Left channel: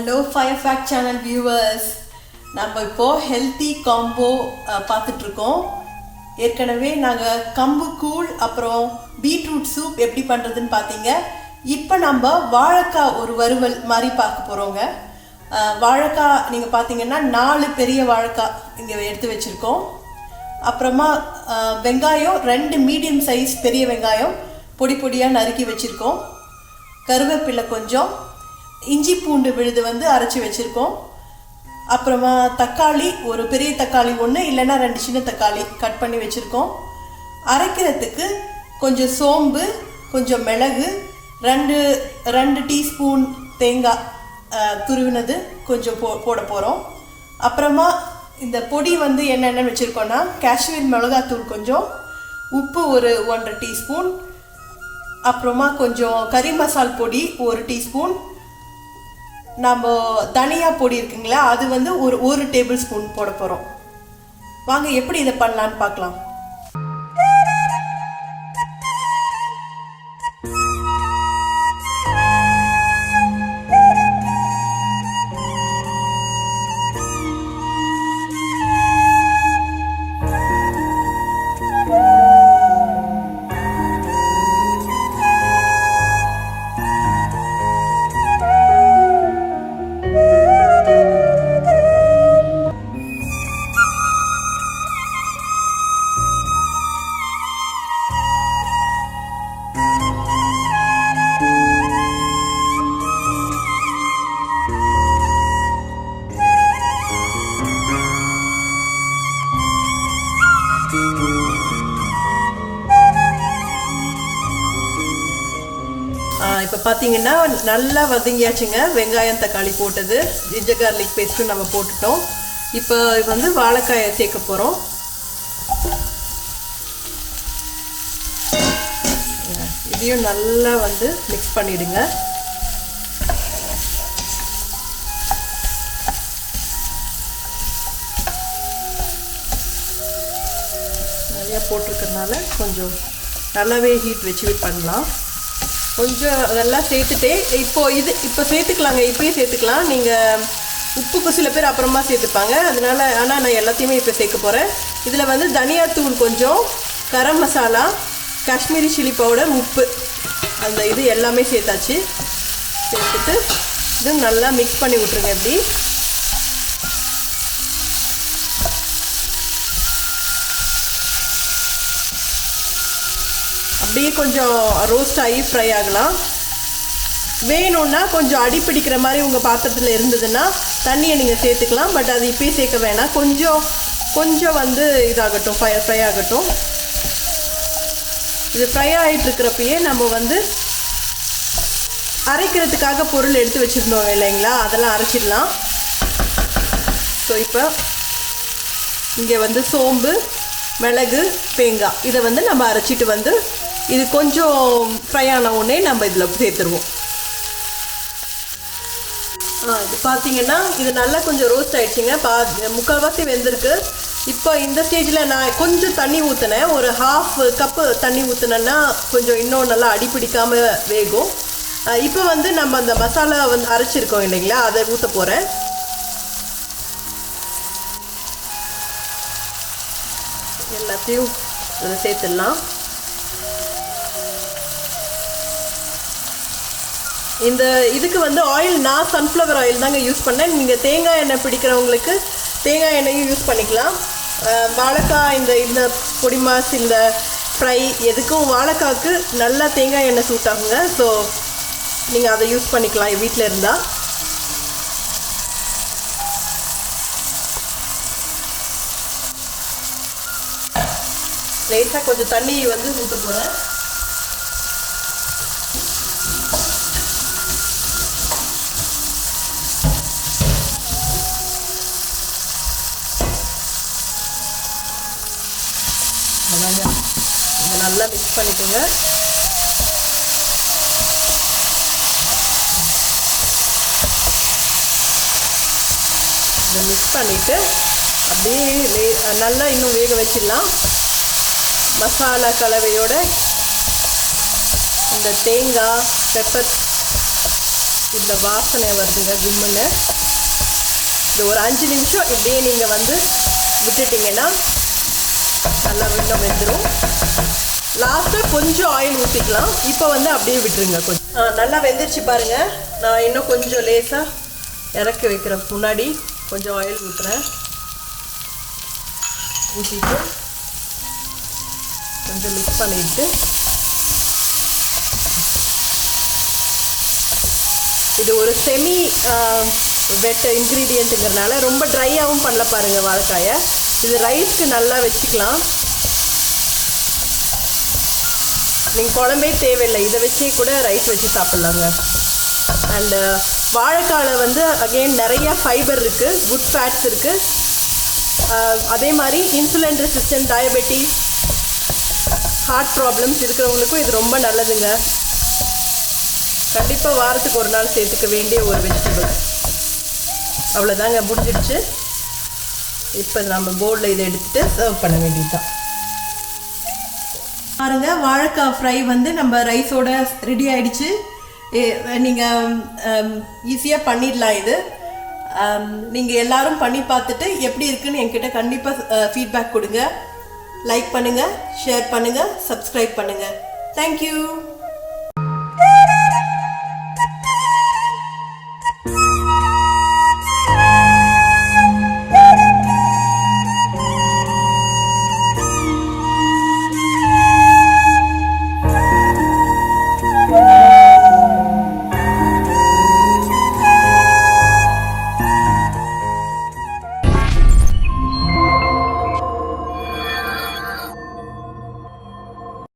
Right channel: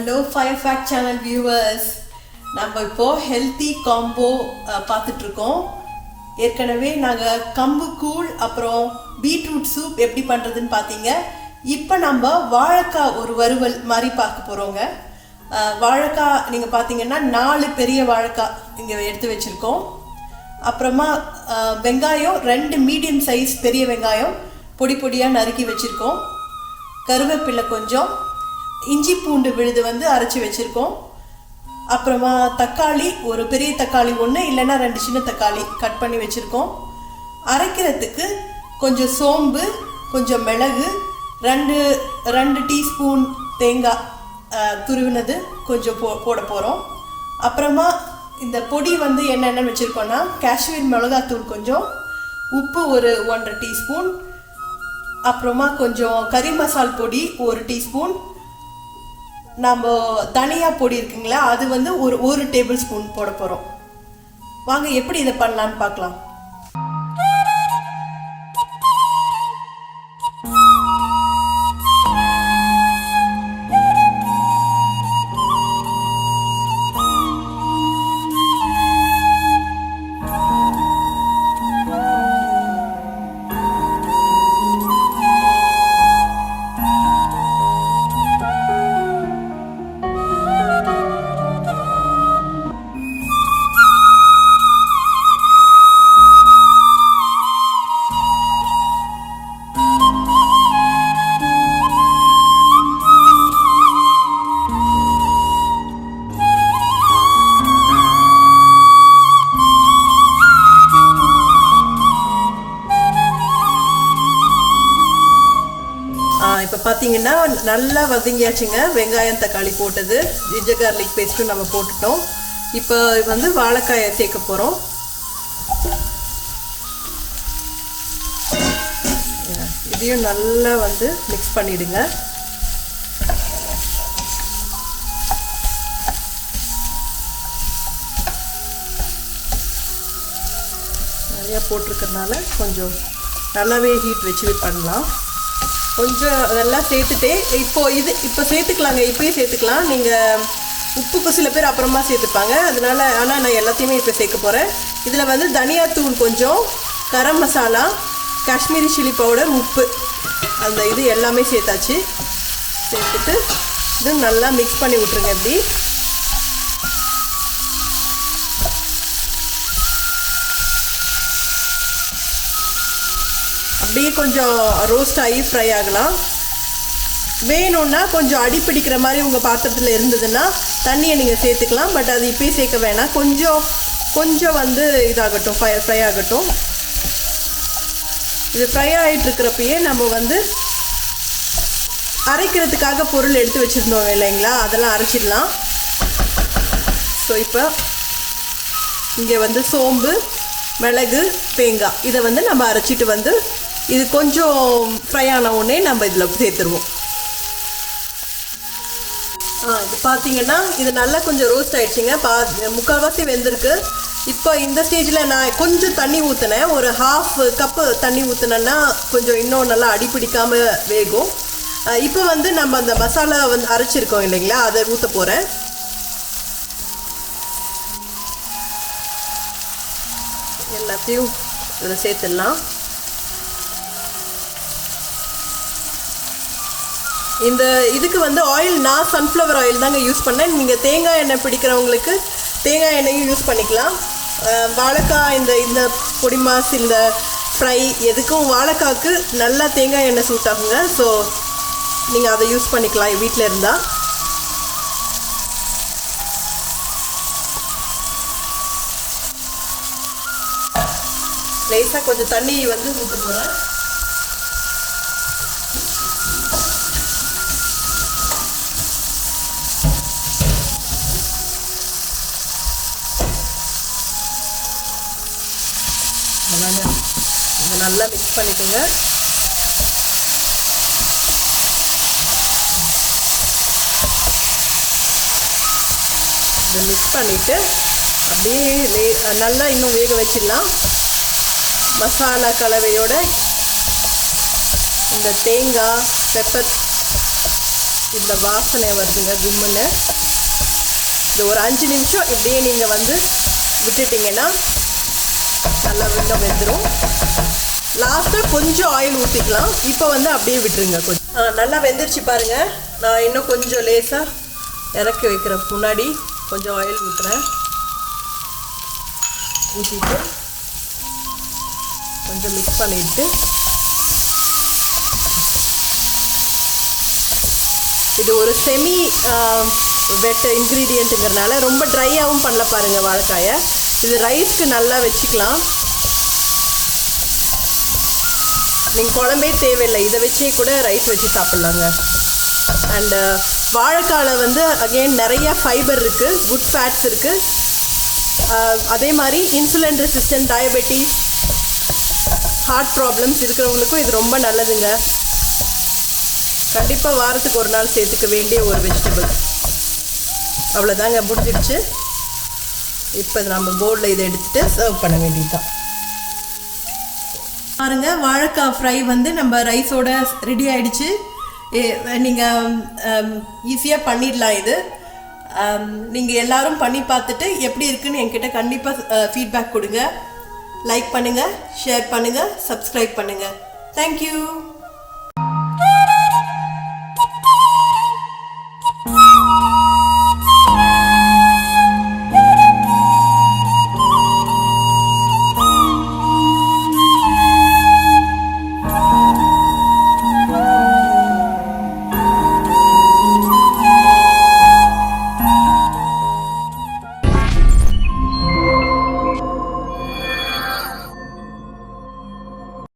Hello fire fact channel viewers, நம்ம இப்போது healthy combo பார்த்துட்ருக்கோம். ஏற்கனவே நாங்கள் கம்பு கூழ் அப்புறம் பீட்ரூட் சூப் எப்படி பண்ணுறதுன்னு பார்த்தீங்க. இப்போ நம்ம வாழைக்காய் ஒரு வறுவல் மாதிரி பார்க்க போகிறோங்க. வாழைக்காய் நீங்கள் பார்த்தீங்கன்னா 4 பெரிய வாழைக்காய் இங்கே எடுத்து வச்சுருக்கோம். அப்புறமா வெங்காயம் 2 மீடியம் சைஸ் பெரிய வெங்காயம் பொடி பொடியாக நறுக்கி வச்சுருக்கோம். கருவேப்பிலை கொஞ்சம், இஞ்சி பூண்டு விழுது அரைச்சி வச்சுருக்கோம். அப்புறமா தக்காளி, ஒரு பெரிய தக்காளி 1 இல்லைன்னா 2 சின்ன தக்காளி கட் பண்ணி வச்சுருக்கோம். அரைக்கிறதுக்கு கொஞ்சம் சோம்பு, கொஞ்சம் மிளகு, 2 டீஸ்பூன் தேங்காய் துருவினது கொஞ்சம் போட போகிறோம். அப்புறமா இந்த பொடி என்னென்னு வச்சுருக்கோன்னா காஷ்மீர் மிளகாத்தூள் கொஞ்சம், உப்பு ஒரு 1.5 டீஸ்பூன், அப்புறமா கொஞ்சம் கறி மசால் பொடி 1 டீஸ்பூன், நம்ம தனியா பொடி இருக்குங்களா அது ஒரு 1 டேபிள் ஸ்பூன் போட போகிறோம். வாங்க எப்படி இதை பண்ணலான்னு பார்க்கலாம். இப்போ பார்த்தீங்கன்னா நல்லா வதங்கியாச்சுங்க. வெங்காயம் தக்காளி போட்டது, ஜிஞ்சர் கார்லிக் பேஸ்ட்டும் நம்ம போட்டுட்டோம். இப்போ வாழைக்காயை சேர்க்க போகிறோம். இதையும் நல்லா மிக்ஸ் பண்ணிடுங்க. நிறையா போட்டிருக்கிறதுனால கொஞ்சம் நல்லாவே ஹீட் வச்சு பண்ணலாம். கொஞ்சம் அதெல்லாம் சேர்த்துட்டே இப்போ சேர்த்துக்கலாங்க. இப்போயே சேர்த்துக்கலாம். நீங்கள் உப்புக்கு சில பேர் அப்புறமா சேர்த்துப்பாங்க, அதனால. ஆனால் நான் எல்லாத்தையுமே இப்போ சேர்க்க போகிறேன். இதில் தனியாத்தூள் கொஞ்சம், கரம் மசாலா, காஷ்மீரி சில்லி பவுடர், உப்பு, அந்த இது எல்லாமே சேர்த்தாச்சு. சேர்த்துட்டு இது நல்லா மிக்ஸ் பண்ணி விட்ருங்க. எப்படி அப்படியே கொஞ்சம் ரோஸ்ட் ஆகி ஃப்ரை ஆகலாம். வேணும்னா கொஞ்சம் அடி பிடிக்கிற மாதிரி உங்கள் பாத்திரத்தில் இருந்ததுன்னா தண்ணியை நீங்கள் சேர்த்துக்கலாம். பட் அது இப்போயே சேர்க்க வேணாம். கொஞ்சம் இதாகட்டும், ஃப்ரை ஆகட்டும். இது ஃப்ரை ஆகிட்டுருக்கிறப்பயே நம்ம அரைக்கிறதுக்காக பொருள் எடுத்து வச்சுருந்தோம் இல்லைங்களா, அதெல்லாம் அரைச்சிடலாம். ஸோ இப்போ இங்கே சோம்பு, மிளகு, தேங்காய் இதை நம்ம அரைச்சிட்டு இது கொஞ்சம் ஃப்ரை ஆன உடனே நம்ம இதில் சேர்த்துருவோம். இது பார்த்தீங்கன்னா இது நல்லா கொஞ்சம் ரோஸ்ட் ஆகிடுச்சிங்க. முக்கால்வாசி வெந்திருக்கு. இப்போ இந்த ஸ்டேஜில் நான் கொஞ்சம் தண்ணி ஊற்றினேன். ஒரு 1/2 கப்பு தண்ணி ஊற்றினேன்னா கொஞ்சம் இன்னும் நல்லா அடி பிடிக்காமல் வேகும். இப்போ நம்ம அந்த மசாலா அரைச்சிருக்கோம் இல்லைங்களா, அதை ஊற்ற போகிறேன். எல்லாத்தையும் இதில் சேர்த்துடலாம். இந்த இதுக்கு ஆயில் நான் சன்ஃப்ளவர் ஆயில் தாங்க யூஸ் பண்ணேன். நீங்கள் தேங்காய் எண்ணெய் பிடிக்கிறவங்களுக்கு தேங்காய் எண்ணெயும் யூஸ் பண்ணிக்கலாம். வாழைக்காய் இந்த பொடி மாஸ், இந்த ஃப்ரை எதுக்கும் வாழைக்காய்க்கு நல்லா தேங்காய் எண்ணெய் சூட் ஆகுங்க. ஸோ நீங்கள் அதை யூஸ் பண்ணிக்கலாம் வீட்டில் இருந்தால். லேசாக கொஞ்சம் தண்ணி ஊற்ற போகிறேன். நல்லா மிக்ஸ் பண்ணிக்கோங்க. இதை மிக்ஸ் பண்ணிவிட்டு அப்படியே நல்லா இன்னும் வேக வச்சிடலாம். மசாலா கலவையோட இந்த தேங்காய், பெப்பர் இந்த வாசனை வருதுங்க கும்முன்னு. இது ஒரு 5 நிமிஷம் இப்படியே நீங்கள் வந்து விட்டுட்டிங்கன்னா நல்லா இன்னும் வெந்துடும். லாஸ்ட்டாக கொஞ்சம் ஆயில் ஊற்றிக்கலாம். இப்போ வந்து அப்படியே விட்டுருங்க. கொஞ்சம் நல்லா வெந்துருச்சு பாருங்கள். நான் இன்னும் கொஞ்சம் லேசாக இறக்கி வைக்கிற முன்னாடி கொஞ்சம் ஆயில் ஊற்றுறேன். ஊற்றிட்டு கொஞ்சம் மிக்ஸ் பண்ணிவிட்டு இது ஒரு செமி வெட் இன்க்ரீடியண்ட்டுங்கிறதுனால ரொம்ப ட்ரையாகவும் பண்ணல பாருங்கள் வாழைக்காயை. இது ரைஸ்க்கு நல்லா வச்சுக்கலாம். நீங்கள் குழம்பே தேவையில்லை, இதை வச்சே கூட ரைஸ் வச்சு சாப்பிட்லாங்க. அண்டு வாழைக்காயில் வந்து அகெயின் நிறைய ஃபைபர் இருக்குது, குட் ஃபேட்ஸ் இருக்குது. அதே மாதிரி insulin resistant, diabetes, heart problems இருக்கிறவங்களுக்கும் இது ரொம்ப நல்லதுங்க. கண்டிப்பாக வாரத்துக்கு ஒரு நாள் சேர்த்துக்க வேண்டிய ஒரு வெஜிடபிள். அவ்வளோதாங்க, முடிஞ்சிடுச்சு. இப்போ நம்ம பவுலில் இதை எடுத்துகிட்டு சர்வ் பண்ண வேண்டியதுதான். பாருங்கள், வாழைக்காய் ஃப்ரை வந்து நம்ம ரைஸோட ரெடி ஆகிடுச்சு. நீங்கள் ஈஸியாக பண்ணிடலாம். இது நீங்கள் எல்லோரும் பண்ணி பார்த்துட்டு எப்படி இருக்குன்னு என்கிட்ட கண்டிப்பாக ஃபீட்பேக் கொடுங்க. லைக் பண்ணுங்கள், ஷேர் பண்ணுங்கள், சப்ஸ்கிரைப் பண்ணுங்கள். தேங்க்யூ.